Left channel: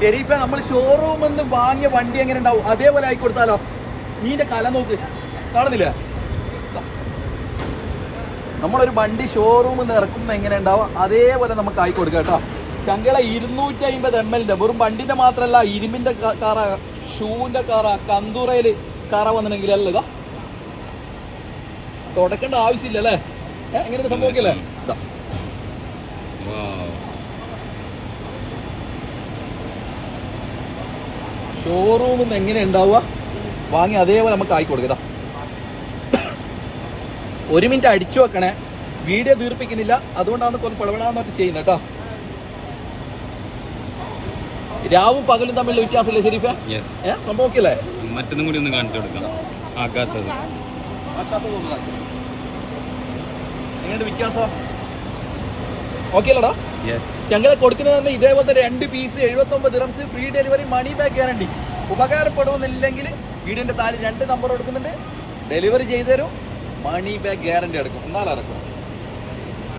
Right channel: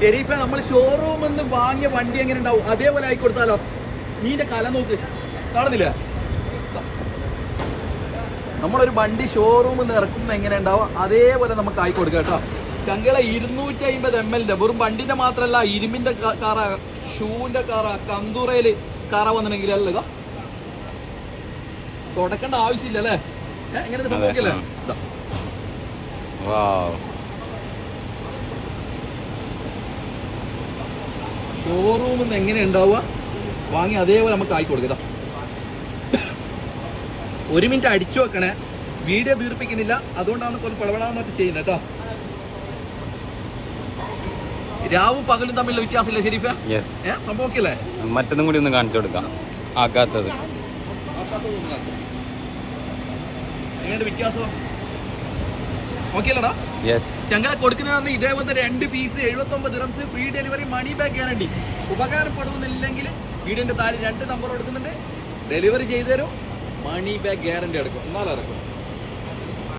ഷെരീഫ, നമ്മൾ ഷോറൂമിൽ നിന്ന് വാങ്ങിയ വണ്ടി എങ്ങനെ ഉണ്ടാവും അതേപോലെ ആയി കൊടുത്താലോ? നീന്റെ കല നോക്ക്, കാണുന്നില്ല? നമ്മളൊരു വണ്ടി ഷോറൂമിൽ നിന്ന് ഇറക്കുമ്പോൾ എങ്ങനെ ഉണ്ടാവും അതേപോലെ നമുക്ക് ആയി കൊടുക്കാം കേട്ടോ. ചങ്കള 250 ml വെറും വണ്ടിന്റെ മാത്രമല്ല, ഇരുമ്പിന്റെ കാറ, ഷൂവിന്റെ കാറ, കന്തൂറയില് കാറ വന്നിട്ടുണ്ടെങ്കിൽ അല്ല ഇതാ തുടക്കേണ്ട ആവശ്യമില്ല അല്ലേ? എങ്ങനെ ഒരു സംഭവിക്കല്ലേ? ഷോറൂമിൽ നിന്ന് എങ്ങനെ ഉണ്ടാവുക വാങ്ങി അതേപോലെ നമുക്ക് ആയി കൊടുക്കാം. 1 മിനിറ്റ് അടിച്ചു വെക്കണേ, വീഡിയോ ദീർപ്പിക്കുന്നില്ല, അതുകൊണ്ടാണ് കുറച്ച് പടപെടാന്നിട്ട് ചെയ്യുന്നത് കേട്ടോ. രാവും പകലും തമ്മിലുള്ള വ്യത്യാസമില്ല ഷെരീഫേ? സംഭവിക്കല്ലേ? മറ്റൊന്നും കൂടി ഒന്ന് കാണിച്ചു കൊടുക്കാം. ആക്കാത്തത് എങ്ങനെ വ്യത്യാസം? ഓക്കെ അല്ലടാ? ഞങ്ങളെ കൊടുക്കുന്നത് ഇതേപോലത്തെ 2 piece 79 dirhams, free delivery, money back guarantee. ഉപകാരപ്പെടുമെന്നില്ലെങ്കിൽ വീടിന്റെ താഴെ 2 നമ്പർ കൊടുക്കുന്നുണ്ട്, ഡെലിവറി ചെയ്തു തരും, മണി ബാക്ക് ഗ്യാരണ്ടി എടുക്കും, എന്നാലും ഇറക്കും.